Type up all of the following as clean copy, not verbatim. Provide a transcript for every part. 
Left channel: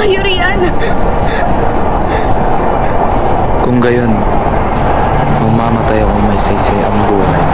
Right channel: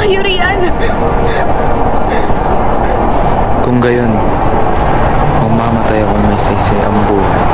kayo riyan. Kung gayon, mamamatay akong may saysay ang buhay.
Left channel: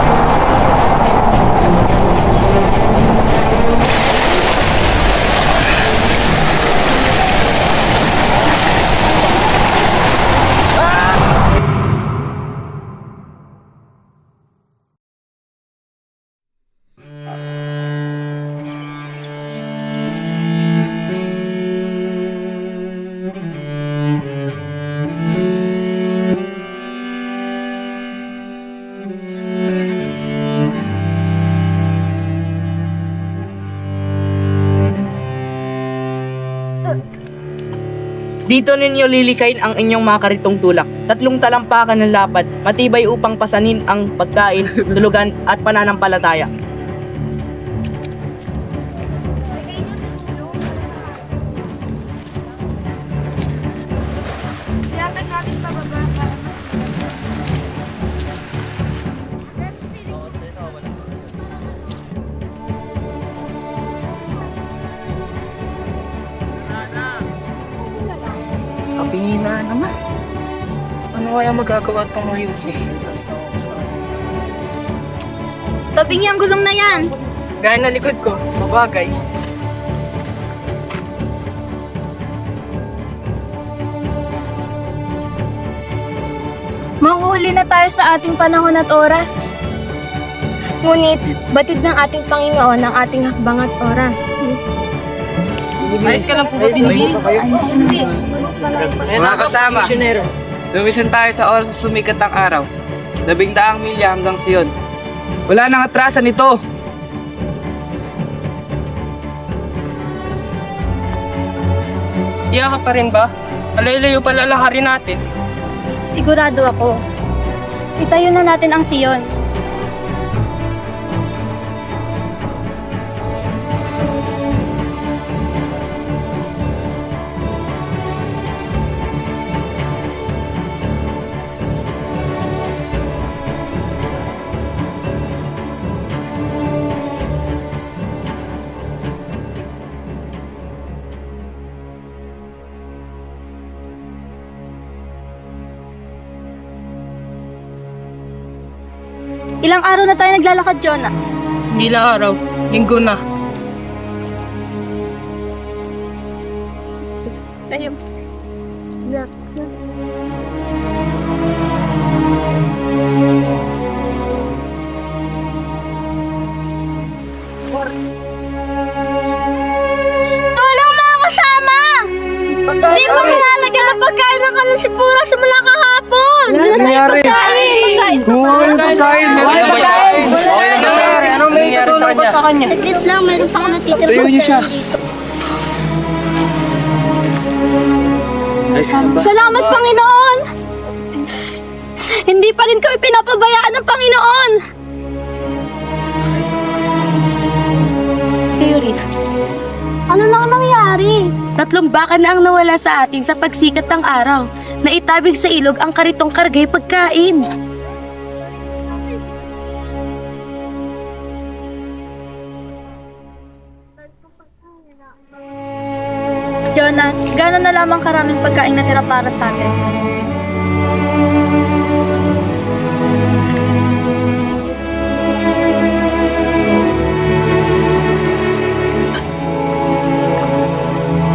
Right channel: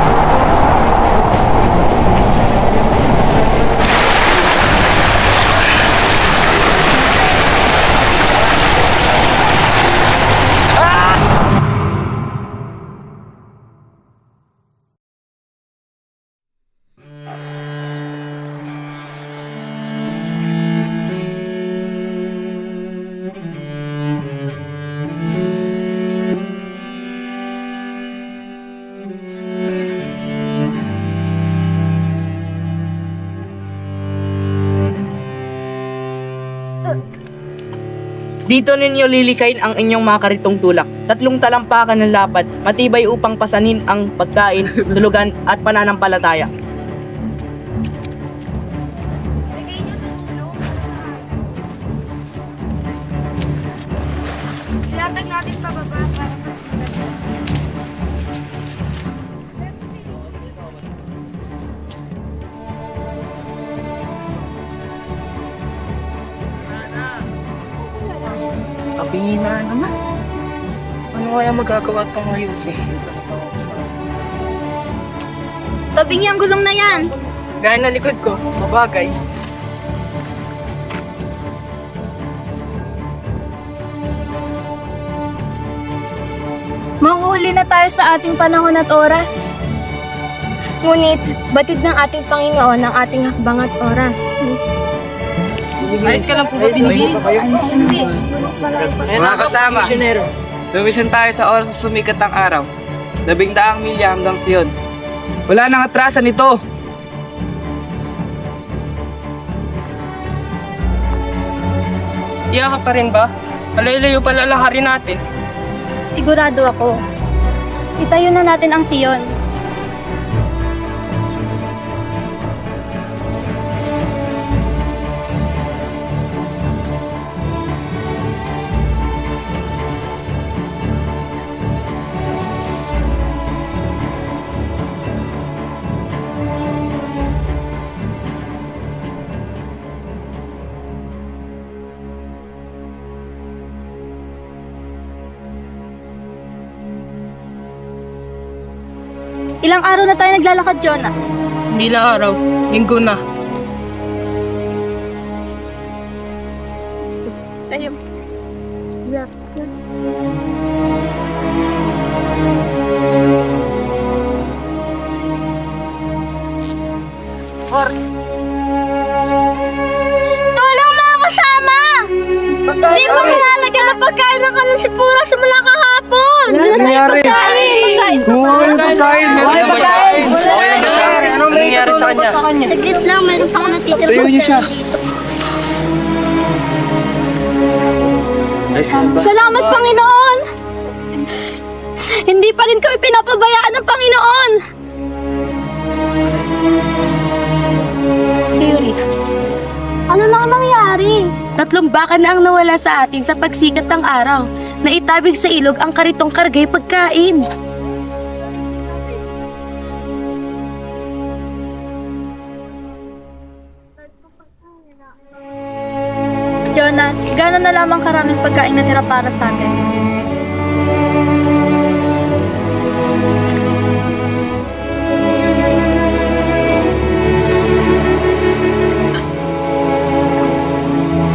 Dito ninyo lilikayin ang inyong mga karitong tulak. 3 talampakan ng lapad, matibay upang pasanin ang pagkain, tulugan at pananampalataya. Ilatag natin pababa para mas Kapingina naman. Ano kaya magagawa itong ayusin? Tabing yung gulong na yan. Gaya na likod ko, mabagay. Mauuli na tayo sa ating panahon at oras. Ngunit, batid ng ating Panginoon ang ating hakbang at oras. Ayos ka lang po ba, Binbi? Hindi. Mga kasama, lumisan tayo sa oras na sumikat ang araw. 12 milya hanggang Sion. Wala nang atrasan ito. Iya ka pa rin ba? Alayo-layo pala lakarin natin. Sigurado ako. Itayo na natin ang Sion. Ilang araw na tayo naglalakad, Jonas? Hindi lang araw, linggo na. Tayo. Tulong mga kasama! Hindi mo nilalagyan ng pagkain ng kanin si Pura simula kahapon! Ano nangyari? Pagkain! Pagkain! Meron pagkain! Okay na ba siya? Anong nangyari sa kanya? Saglit lang, mayroon pa ako natitira. Tayo niyo siya. Salamat, Panginoon! Hindi pa rin kami pinapabayaan ng Panginoon! Kayo rin. Ano nang nangyari? 3 baka na ang nawala sa atin sa pagsikat ng araw. Naitabig sa ilog ang karitong kargay pagkain. Jonas, gano'n na lamang karaming pagkain na tira para sa atin.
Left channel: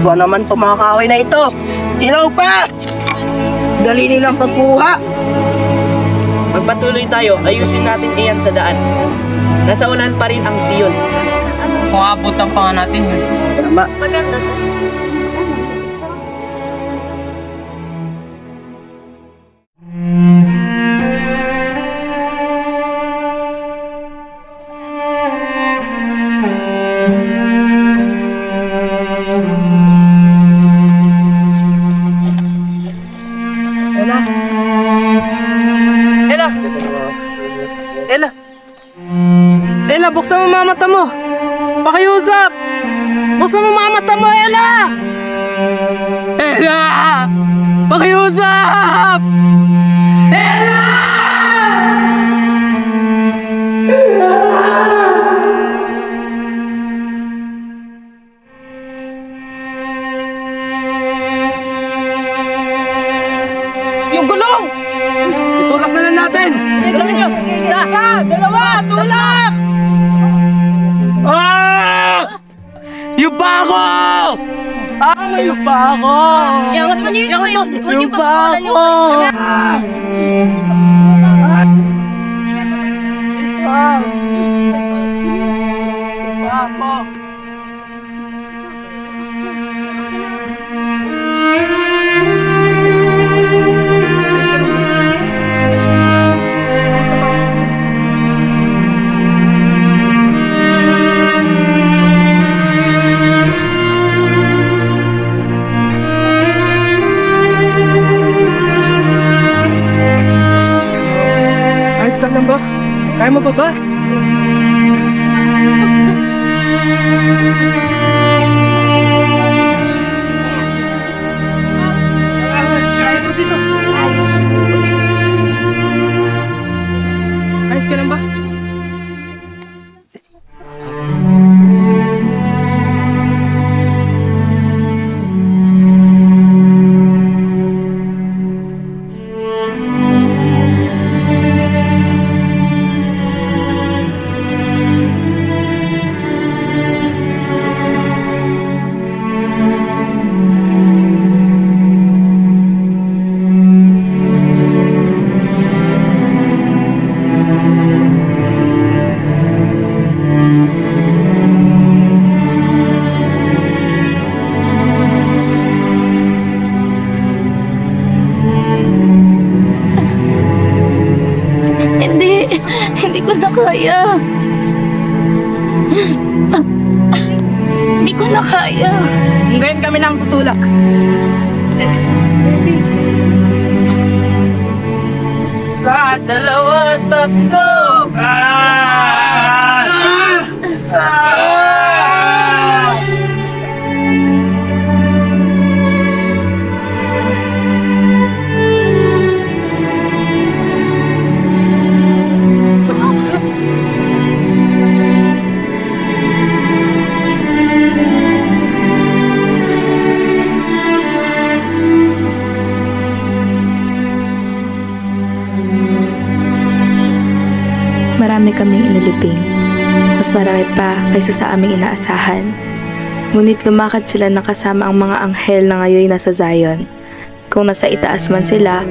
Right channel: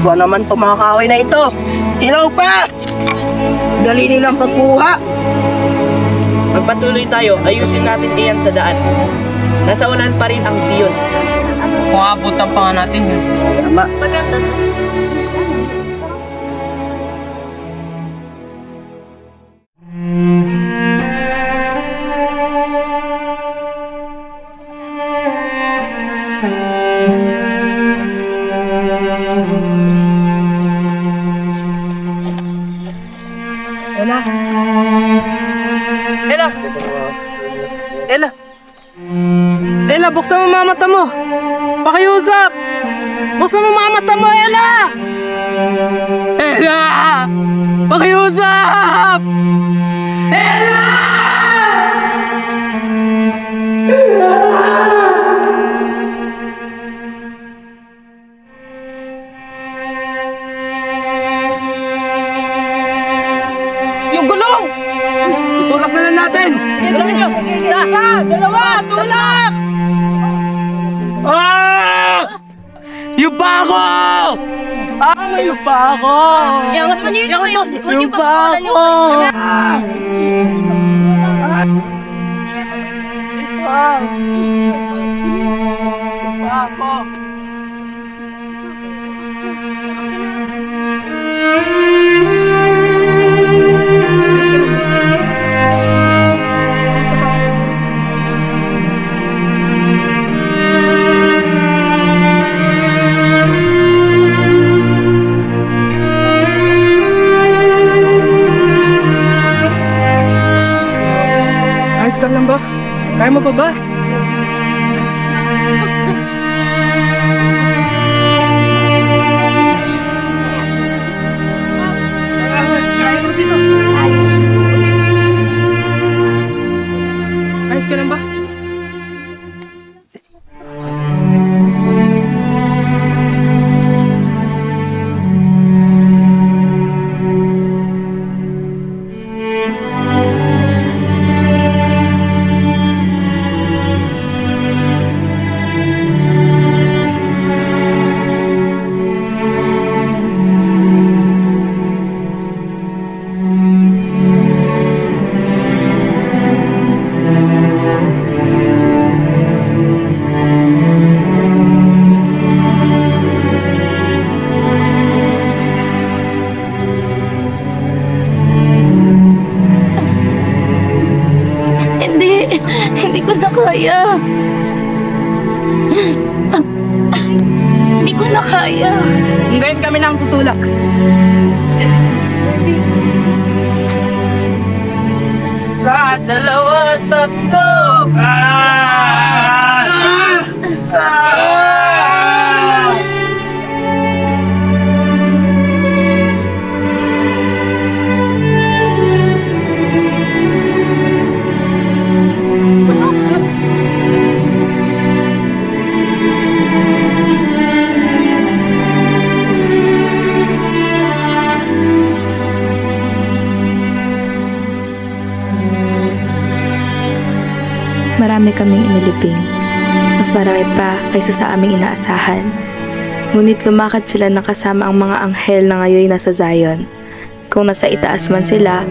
Ba naman itong mga kaaway na ito? Ilaw pa! Dali nilang pagkuha. Magpatuloy tayo, ayusin natin iyan sa daan. Nasa unahan pa rin ang Sion. Kung abutan pa nga natin yun. Tama. Maganda to. Ella! Ella, buksan mo mga mata mo! Pakiusap! Buksan mo mga mata mo, Ella! Ella! Pakiusap! Ella! Isa! Dalawa! Tulak! Yung bako! Yung bako! Iangat mo niyo ito. Yung bako! Ayos ka lang ba? Kaya mo pa ba? Kaya mo dito. Ayos ka lang ba? Hindi ko na kaya. Hindi ko na kaya. Ngayon kami nang tutulak. Dalawa, tatlo! Marami kaming inilibing. Mas marami pa kaysa sa aming inaasahan. Ngunit lumakad sila na kasama ang mga anghel na ngayon nasa Zion. Kung nasa itaas man sila,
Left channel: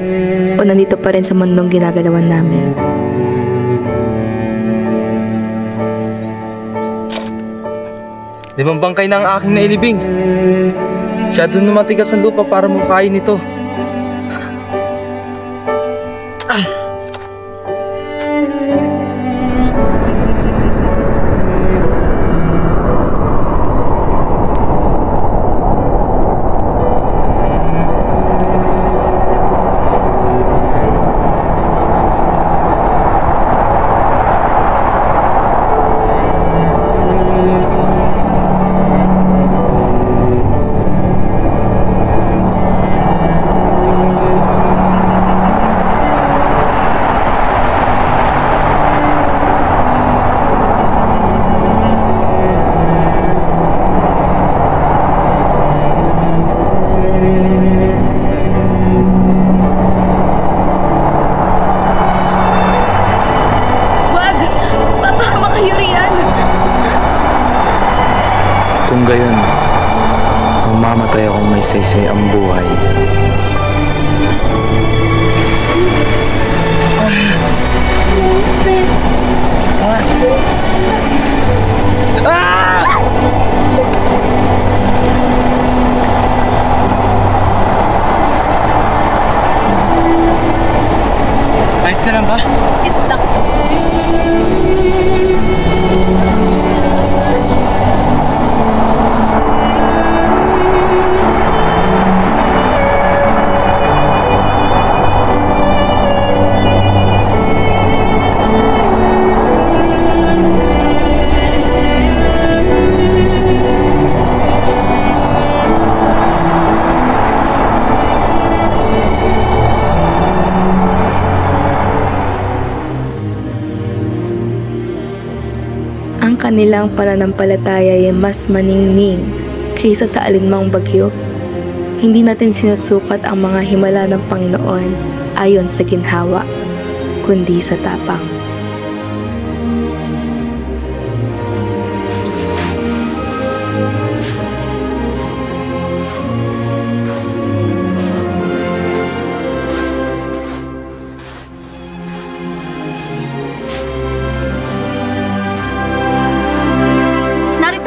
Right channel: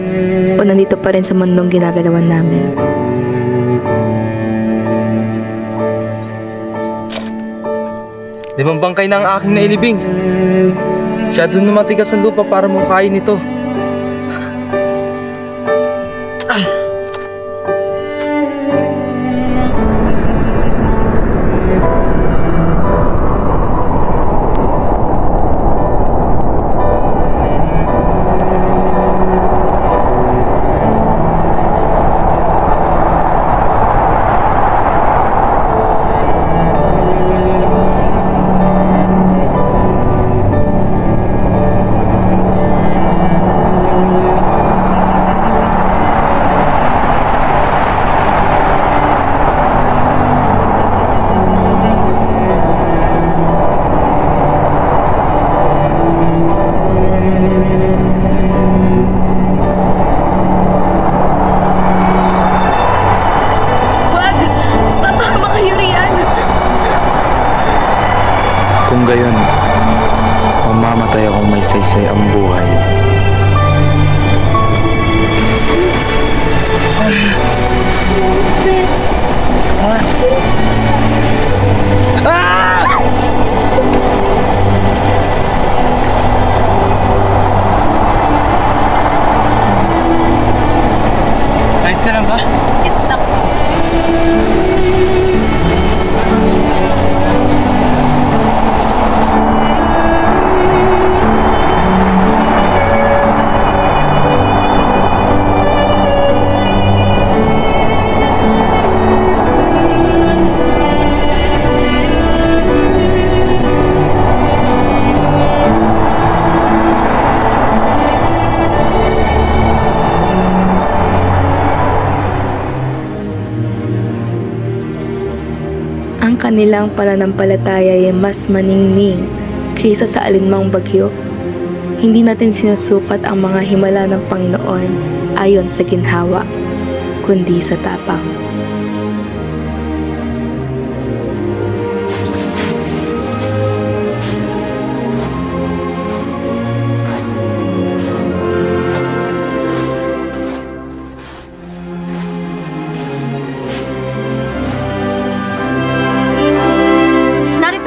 o nandito pa rin sa mundong ginagalawan namin. Limang bangkay na ang aking nailibing. Masyado na matigas ang lupa para makain ito. Kung gayon, mamamatay akong may saysay ang buhay. Ayos ka lang ba? Yes, lang. Ang kanilang pananampalataya ay mas maningning kaysa sa alinmang bagyo. Hindi natin sinusukat ang mga himala ng Panginoon ayon sa ginhawa, kundi sa tapang.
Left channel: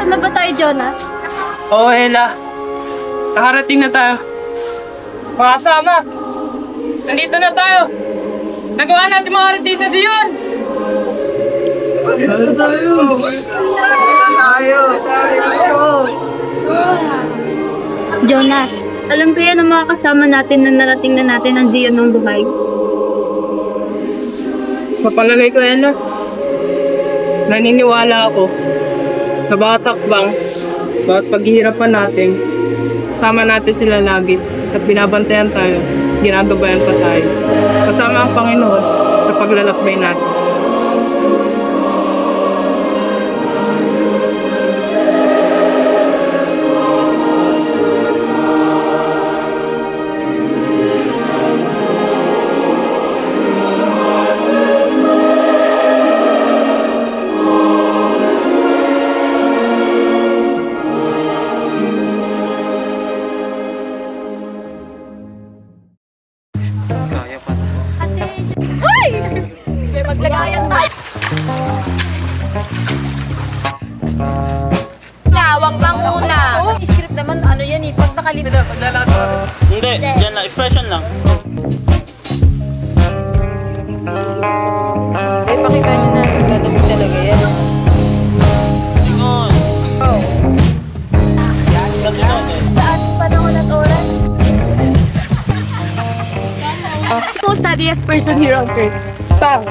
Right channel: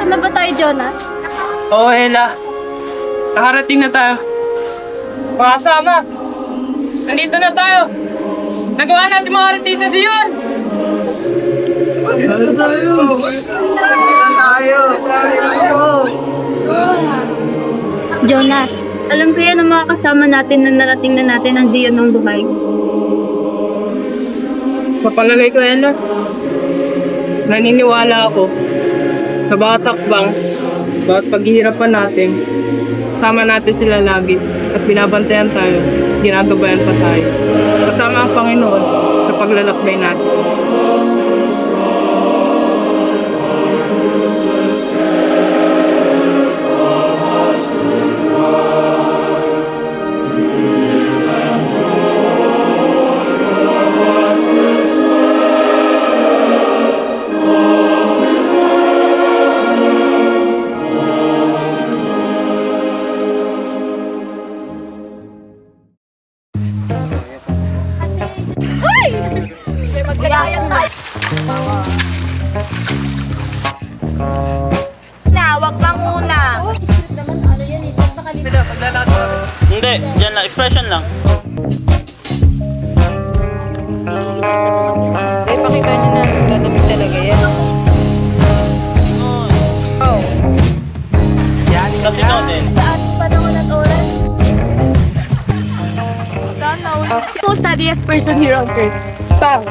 Nakakapagod na ba tayo, Jonas? Oo, Ella. Nakarating na tayo. Mga kasama, nandito na tayo. Nagawa natin mga artista sa yun! Jonas, alam ko yan ang mga kasama natin na narating na natin ang Zion ng buhay. Sa palagay ko, Ella, naniniwala ako sa bawat takbang, bawat paghihirapan natin, kasama natin sila lagi at binabantayan tayo, ginagabayan pa tayo. Kasama ang Panginoon sa paglalakbay natin. Wag manguna. Script naman, ano yan eh, pag nakalimutan. Hindi, dyan lang, expression lang. Pakita nyo na, lalamig talaga yan. Ingon. Oh. Kasi noon eh. Sa ating panahon at oras. Most studiest person here on earth. Bang!